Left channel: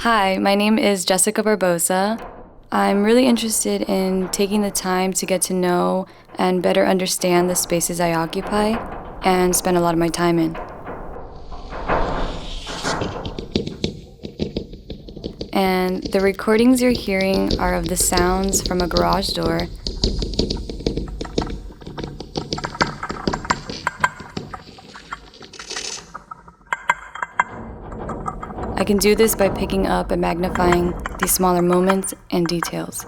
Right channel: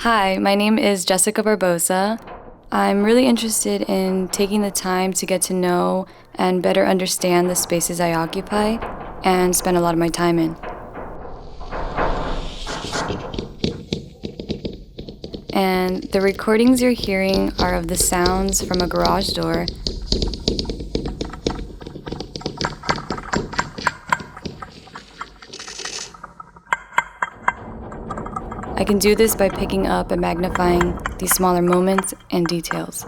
Hi, my name is Jessica Barbosa. I'm really interested in taking the time to get to know and better understand the spaces I occupy and spend a lot of my time in. And the recordings you're hearing are of the sounds from a garage door. I can do this by picking up and magnifying these smaller moments and details.